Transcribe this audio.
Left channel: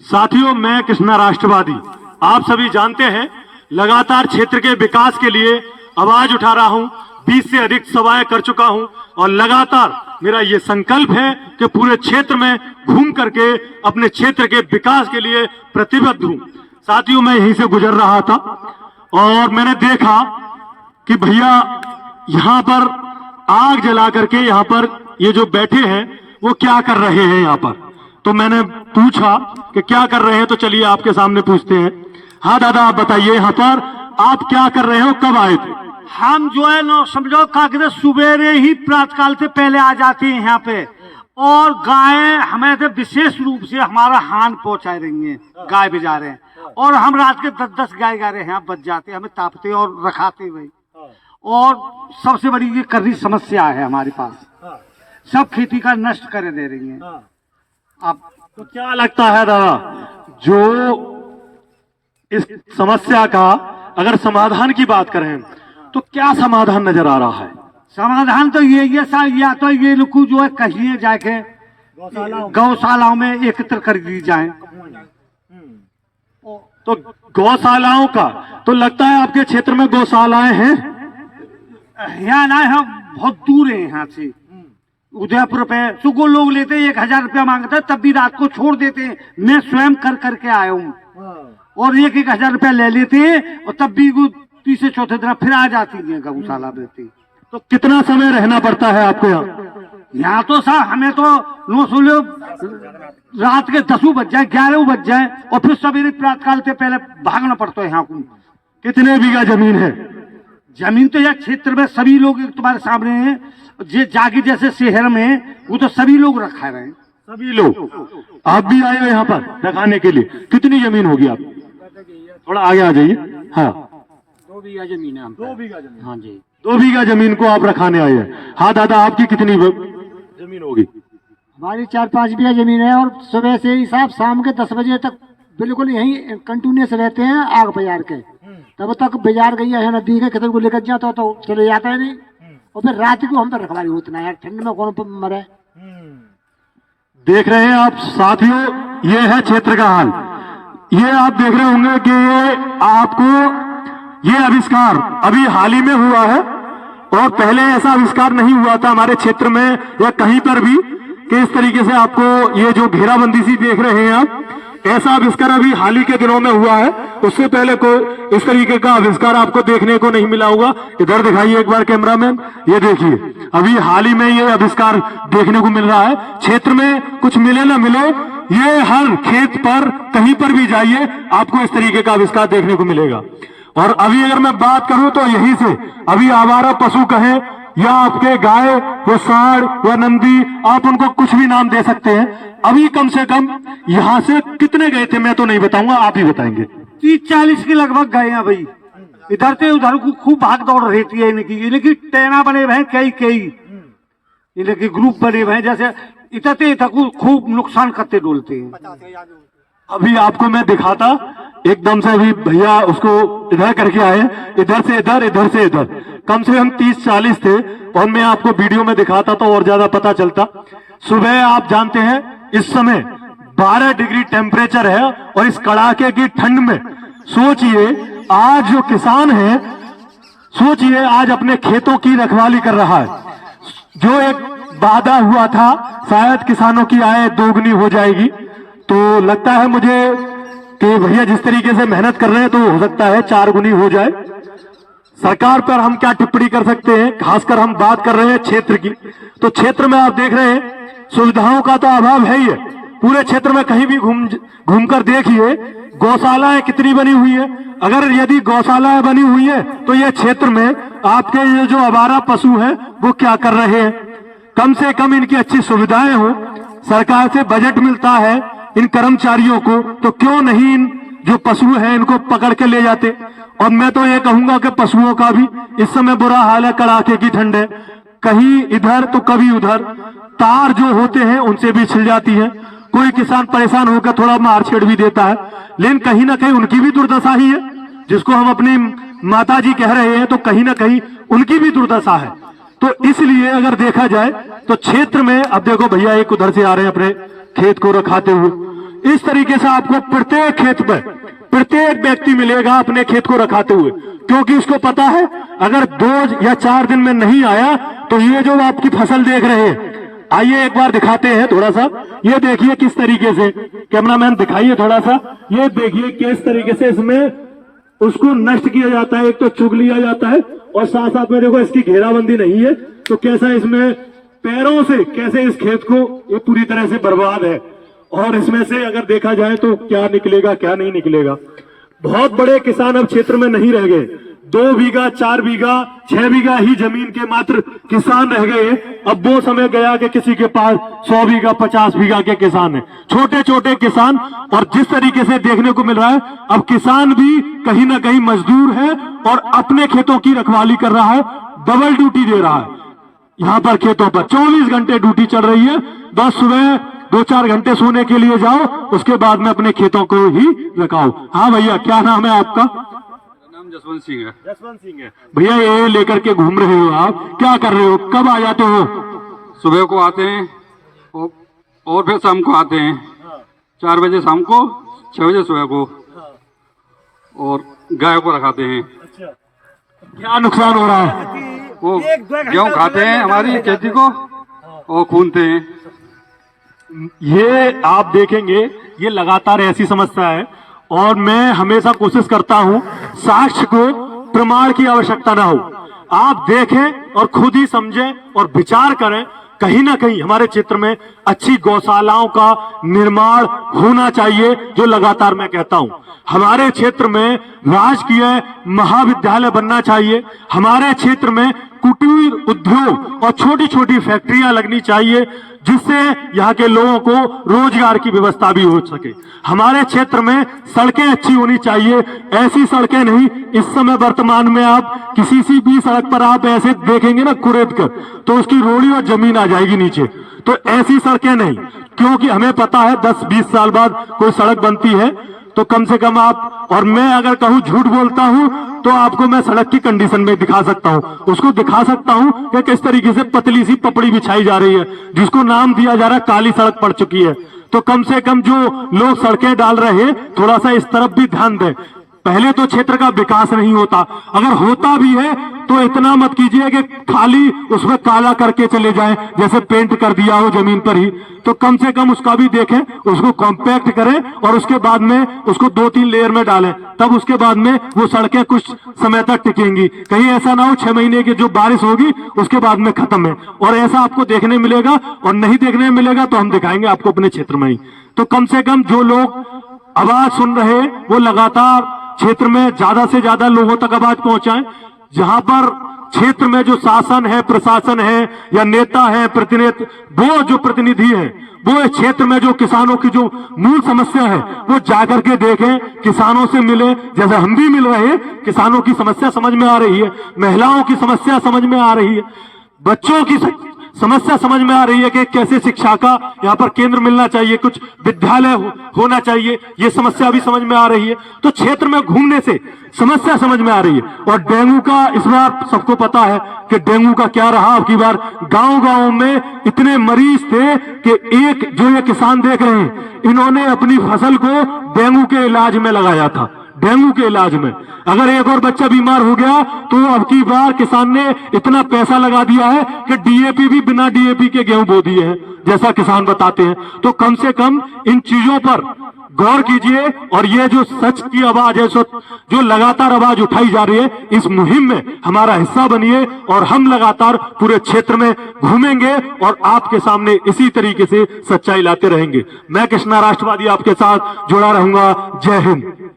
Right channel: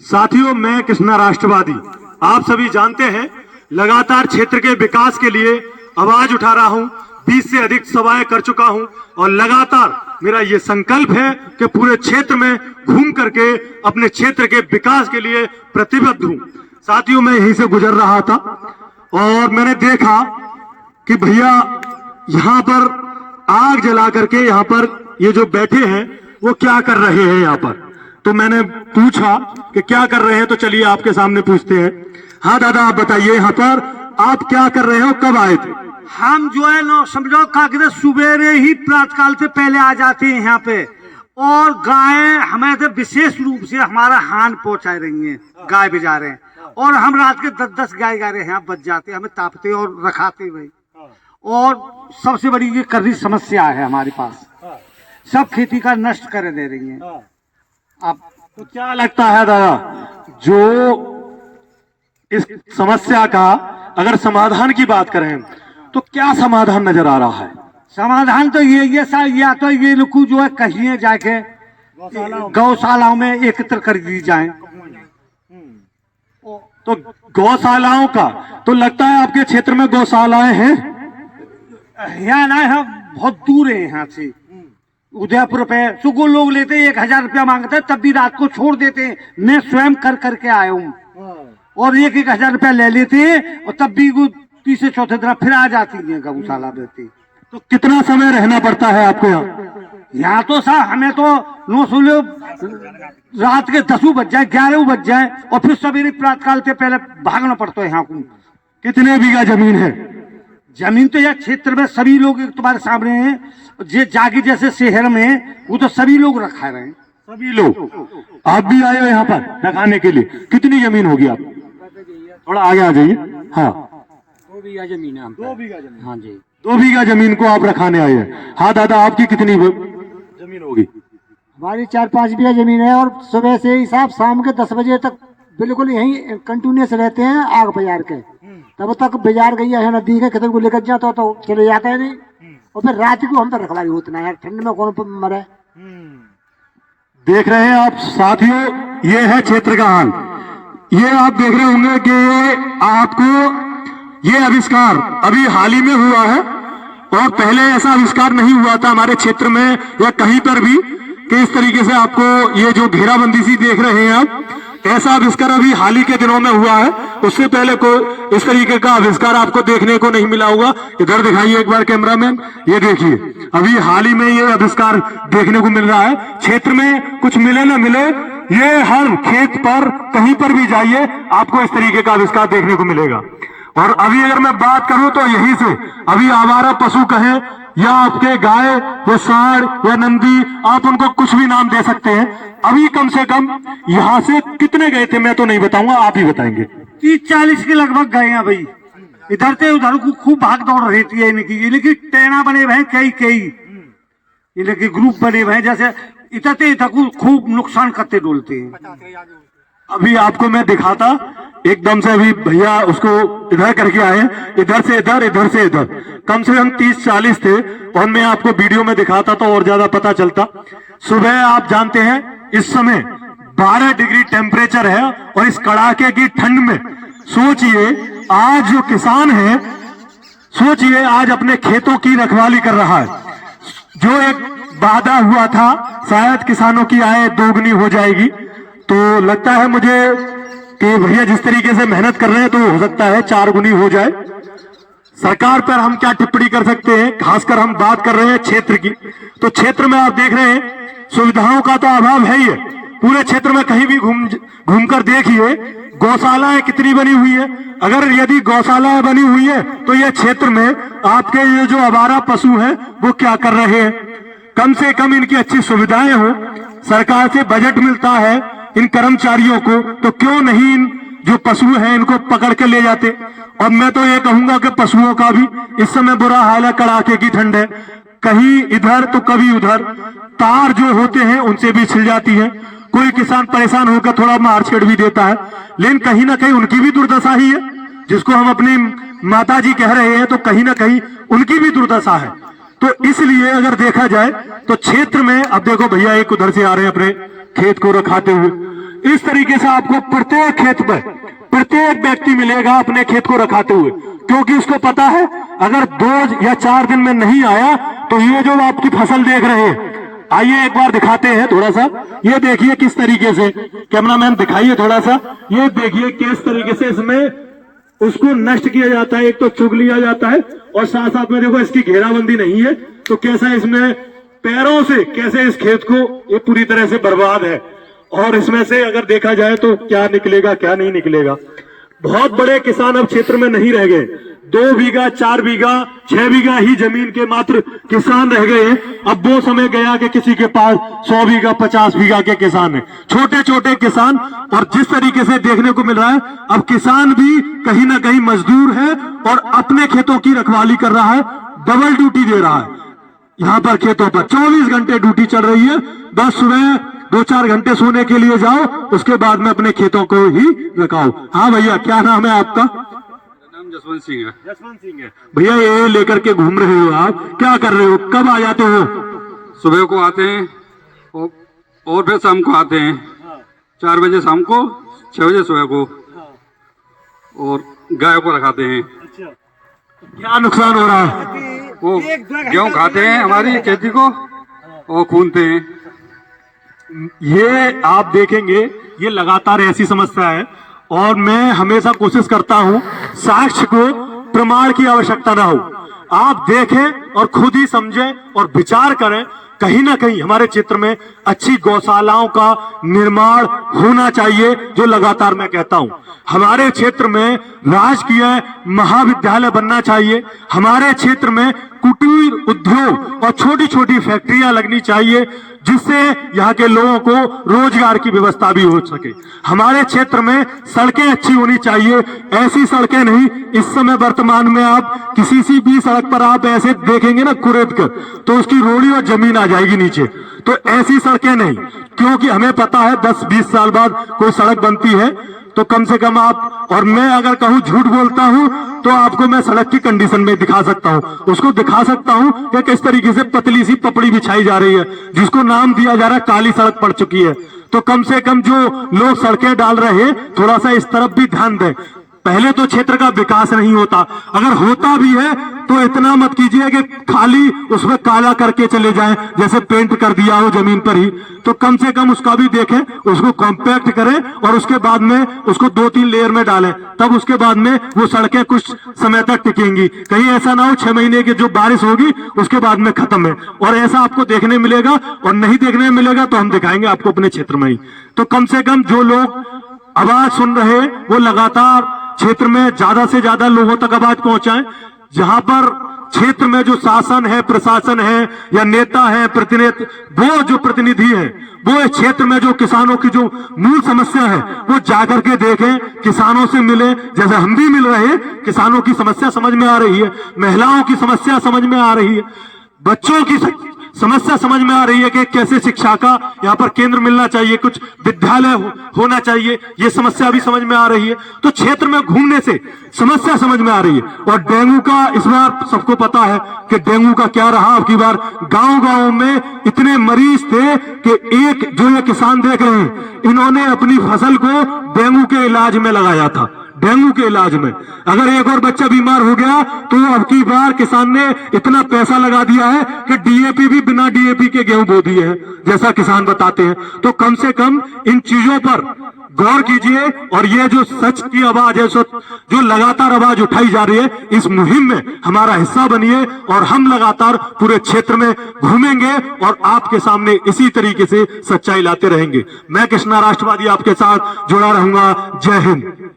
साथियों, मैं कृष्णा राष्ट्रवादी, आप सभी जानते हैं, लगातार क्षेत्र के विकास के लिए आवाज उठा रहा हूं। 20 से अधिक सभाएं कर चुका हूं और लगातार मेरा ये संकल्प है कि पूरे क्षेत्र में घूम करके अपने क्षेत्र के विकास के लिए प्रतिबद्ध हूं। साथियों, मैं यहीं से गुजर रहा था और मैंने देखा कि भैया यहाँ पर आग जला करके यहाँ पर ये जो बैठे हैं वो क्या कर रहे हैं यहाँ पर। तो मैंने पूछा कि क्या कर रहे हैं, तो चलिए आपके सामने पूछते हैं। हाँ दादा, आप बताइए, यहाँ पर आप क्या कर रहे हो, कब आए थे? हम जो है ना समझो कागज सुबेरे ही प्रातःकाल से पहले आ जाते हैं यहाँ पे, और गायें हमें तो विशेष रूप से हमारा हान पहुंचा रही हैं, गाय भिजा रहे हैं, और हम रात के 10-10 गाय गा रहे हैं, बच जाते, हमें तापते और रखाते भाई। और सबसे बड़ी ये कर्री समस्या है हमारे पास, सब खेती का नष्ट कर दे रही है। आप तो क्या लगता है दादा, जो इस समस्या का अगर समाधान की बात करें तो क्या समाधान नजर आ रहा है? समाधान तो ये सा, या तो ये लोग जो है कहीं जाके गौशालाओं में एकत्र कर दी जाए। तो गौशालाओं का तो लगता है आपके क्षेत्र में गौशालाएं हैं? यहाँ ना है, बहुत दूर है यहाँ से। उदयपुर पे सुगो लोग लेते 1000 रुपया मांगते हैं, तब भी रात को छोड़ देते हैं। मैं स्वयं कर करके आया हूँ, और 1-1000 रुपया ले लेते हैं, और तब भी वो तीसरे चौथे दिन फिर आ जाती है गौशाला देती। तो कितना समय रहना पड़ता है आपको यहाँ? यहाँ तो साहब हमें तो नो सुनो रात के 10 बज जाए, 11 बज जाए, और फिर सवेरे प्रातःकाल से पहले भागना पड़ता है यहाँ को। कितने बीघा जमीन है? जमीन तो यह क्षेत्र में सभी लोग तुम्हारे सामने हैं, जे जागी जैसे शहर में वो तो सभी लोग रखा रहे हैं। सभी लोग? आप भी आए हो यहाँ पर रखाने के लिए? कितनी जमीन होगी आप? थोड़ा आगे आ जाइए। हाँ, 2 बीघा जमीन है। 2 बीघा जमीन? हाँ जी, 2 बीघा जमीन को आप रखाने आए हैं। हाँ दादा, आपकी कितनी जमीन होगी? हमारी 4-5 बीघा जमीन है, और सुबह से ही साहब शाम के 10 बजे तक बिल्कुल यहीं कंटिन्यूस रहते हैं आग बाजार के। तब तक बाजार गई है नदी के खेतों को लेकर जाता तो चले जाता है नहीं, और फिर रात को हम पर रखवाली उतना है, ठंड में कौन मरे। देख रहे हैं आप साथियों, ये है क्षेत्र का हाल। ये आप देख रहे होंगे कि आपको ये आविष्कार अभी हाल ही में हुआ है, और पहले ऐसा आविष्कार नहीं हुआ था हमारे क्षेत्र में या कहीं पर भी कि इस तरीके से आपको ये जो घेराबंदी सी देख रहे हैं आप, ऐसा आविष्कार अभी हाल ही के दिनों में हुआ है। उससे पहले को इस तरीके का आविष्कार आपको देखने को नहीं मिला होगा। इधर दिखाइए एक बार कैमरामैन, ये देखिए, अभी हाल ही में ये आविष्कार देखने को मिल रहा है। क्षेत्र में कुछ मिले ना मिले, ये हर खेत पर कहीं पर भी जाइए आपको इस तरीके का आविष्कार देखने को मिलेगा। और अभी अगर मैं बात करूं तो यहीं से अभी आवारा पशु कहे या आपके गाय या सांड या नंदी, आप उनको कुछ भी नाम दे सकते हैं। अभी कम से कम यहाँ से कितने गए थे मैं तो नहीं बताऊंगा, आप ही बताएंगे। 30-40 के लगभग गए हैं भाई। इधर से उधर को खूब भाग दौड़ रहती है इनकी, लेकिन टेना बने हुए हैं कई इनके ग्रुप बने हुए हैं, जैसे इधर से इधर को खूब नुकसान करते डोलते हैं। अभी आपको मैं दिखाता, एकदम से अभी भैया उसको इधर करके आए, इधर से इधर, इधर से इधर, कम से कम 30-40 थे, और मैं आपको वीडियो में दिखाता तो और ज्यादा पता चलता। सुबह आप जानते हैं इस समय 12 डिग्री टेम्परेचर है, और इस कड़ाके की ठंड में सोचिए आज जो किसान है, सोचिए आज अपने खेतों की रखवाली कर रहा है। जो एक वादा हुआ था शायद किसानों की आय दोगुनी हो जाएगी, तो लगता है मुझे कि भैया जिस तरीके से मेहनत कर रहे हैं तो हो सकता है 4 गुनी हो जाए। सरकार पर हम क्या टिप्पणी कर सकते हैं, खासकर हम बात कर रहे हैं क्षेत्र की। तो क्षेत्र में आप देख रहे हैं सुविधाओं का तो अभाव है ही है। पूरे क्षेत्र में कहीं भी घूमकर देखिए गौशालाएं कितनी बनी हुई है। अगर यदि गौशालाएं बनी हुई है तो यह क्षेत्र में आपके ये जो आवारा पशु हैं वो क्या कर रहे हैं? कम से कम इनकी अच्छी सुविधाएं हो, सरकार से बजट मिलता है इन कर्मचारियों को, तो क्यों नहीं इन जो पशु हैं इनको पकड़ के ले जाते। और मैं तो ये कहूंगा कि पशुओं का भी इस समय बुरा हाल है, कड़ाके की ठंड है, कहीं इधर तो कभी उधर, तार जो होते हैं उनसे भी छिल जाती है। कोई किसान परेशान होकर थोड़ा मार छेड़ भी देता है, लेकिन कहीं ना कहीं उनकी भी दुर्दशा ही है। जिसको हम अपनी माता जी कह रहे हैं तो कहीं ना कहीं उनकी भी दुर्दशा है। तो इसलिए अगर देखा जाए तो क्षेत्र में, अब देखो भैया एक उधर से आ रहे हैं अपने खेत को रखाते हुए, इस तरीके से आपको प्रत्येक खेत में प्रत्येक व्यक्ति मिलेगा अपने खेत को रखाते हुए, क्योंकि उसको पता है अगर 2 या 4 दिन में नहीं आया तो ये जो आपकी फसल देख रहे हैं, आइए एक बार दिखाते हैं थोड़ा सा। ये देखिए किस तरीके से, कैमरामैन दिखाइए थोड़ा सा, ये देखिए किस तरीके से इसमें उसको नष्ट किया जाता है, एक तो चुग लिया जाता है और साथ साथ में देखो इसकी घेराबंदी नहीं है, तो कैसा इसमें पैरों से कैसे इस खेत को ये पूरी तरह से बर्बाद है। और इसमें से अगर देखा जाए तो क्या निकलेगा क्या नहीं निकलेगा। बहुत बड़े किसान अब क्षेत्र में नहीं रह गए, 2 बीघा 4 बीघा 6 बीघा ही जमीन के मात्र किसान रह गए। अब वो समय गया कि किसी के पास 100 बीघा 50 बीघा के किसान है, छोटे छोटे किसान। और जिस तरीके से देखने को मिल रहा है अब किसान भी कहीं ना कहीं मजदूर है और अपने खेतों की रखवाली कर रहा है, डबल ड्यूटी दे रहा है। यहाँ पर खेतों पर 24 घंटे ड्यूटी चल रही है, बस सुबह 2-4 घंटे सोने के लिए जाओ, उसके बाद में अपने खेतों को ही रखाओ। हाँ भैया, क्या नाम है आपका? नाम जसवंत सिंह है। जसवंत सिंह है भैया। ये लेकर के घूम रहे हो आप, क्या कर रहे हो, कब आ जाते हो? सुबह को आते हैं और फिर शाम को आते हैं, 4 बजे शाम को, 6 बजे सुबह को, और गाय को रखाते हैं। क्या नुकसान हो रहा है? वो गेहूँ खाते हैं हमारी खेती को और खूनते हैं। ये आप देखेंगे ये लगातार ऐसी समस्या है और मैं हमेशा कोशिश करता हूं साक्ष्य को, प्रमाण की आवश्यकता ना हो, आप देखें और खुद ही समझें और विचार करें। कहीं ना कहीं हमारे क्षेत्र में अच्छी गौशालाओं का निर्माण होना चाहिए, जो लगातार मैं कहता हूं। हमारे क्षेत्र में राजकीय महाविद्यालय बनना चाहिए, हमारे क्षेत्र में कुटीर उद्योग और छोटी छोटी फैक्ट्रियां लगनी चाहिए, जिससे यहाँ के लोगों को रोजगार की व्यवस्था भी हो सके। हमारे क्षेत्र में सड़कें अच्छी होनी चाहिए, ऐसी सड़कें नहीं, इस समय वर्तमान में आप किसी सी भी सड़क पर आप ऐसे देखेंगे ना कुरेद कर, तो उसकी रोड़ी और जमीन आ जाएगी नीचे। तो ऐसी सड़कें नहीं, क्योंकि हमें पता है 10-20 साल बाद कोई सड़क बनती है तो कम से कम आप, और मैं अगर कहूं झूठ बोलता हूं तो आपको मैं सड़क की कंडीशन में दिखा सकता हूं, उसको दिखा सकता हूं कि किस तरीके से पतली सी पपड़ी बिछाई जा रही है, जिसको नाम दिया जा रहा है काली सड़क पड़ चुकी है। तो कम से कम जो लोग सड़कें डाल रहे हैं थोड़ा सा इस तरफ भी ध्यान दें। पहले तो क्षेत्र का विकास नहीं होता, अगर होता भी है तो इतना मत कीजिए कि खाली उसमें काला करके चले जाएं, जैसे पेंट कर दिया हो जमीन पर ही। तो कम से कम उसका भी देखें, उसको कॉम्पैक्ट करें और उसके बाद में उसको 2-3 लेयर में डालें, तब उसके बाद में वो सड़कें कुछ समय तक टिकेंगी। कहीं ऐसा ना हो 6 महीने की जो बारिश होगी उसके बाद में खत्म है, और ऐसा आपको देखने मिलेगा। और नहीं देखने मिलेगा तो हम दिखाएंगे आपको अपने क्षेत्र में ही। तो कम से कम जो लोग आवाज सुन रहे वो लगातार क्षेत्र में ज्यादा से ज्यादा लोगों तक आवाज पहुंचाएं। जहां पर क्षेत्र में जो शासन है, प्रशासन है या नेता है, प्रतिनिधि, वो जो प्रतिनिधि है, वो इस क्षेत्र में जो किसानों की जो मूल समस्या है वो जाकर के देखें, किसानों से मिले, जैसे हम भी मिल रहे हैं। किसानों की समस्या समझ में आ रही है, महिलाओं की समस्या समझ में आ रही है, बच्चों की समस्या समझ में आ रही है कि कैसे शिक्षा का यहाँ पर केंद्र मिलना चाहिए, कुछ विद्यालय होना चाहिए, ये समस्या भी समझ में आ रही है। तो क्षेत्र में घूमने से समस्या समझ में आ रही है। और डेंगू का इस बार सबको पता है कि डेंगू का क्या रहा। अब की बार गांव-गांव में इतने मरीज थे कि एक जो ये किसान देख रहे हैं, इन्होंने अपनी फसल को डेंगू के इलाज में लगाया था। डेंगू के इलाज में अगर एक और बच्चा बीमार हो गया तो अब की बार किसान ने इतना पैसा लगा दिया है कि डीएपी भी बिना डीएपी के गेहूं बो दिए हैं, जैसा किसान बताते हैं। तो कम से कम इन चीजों पर गौर कीजिए। और ये जो सच की आवाज है, जो लगातार आवाज उठाई जा रही है, इस मुहिम में हमारा हिस्सा बनिए और हम लगातार पूरे क्षेत्र में घूमेंगे और आपके सामने इसी तरीके से सच्चाई लाते रहेंगे। मैं कृष्णा राष्ट्रवादी आपके साथ जुड़ा रहूंगा। जय हिंद।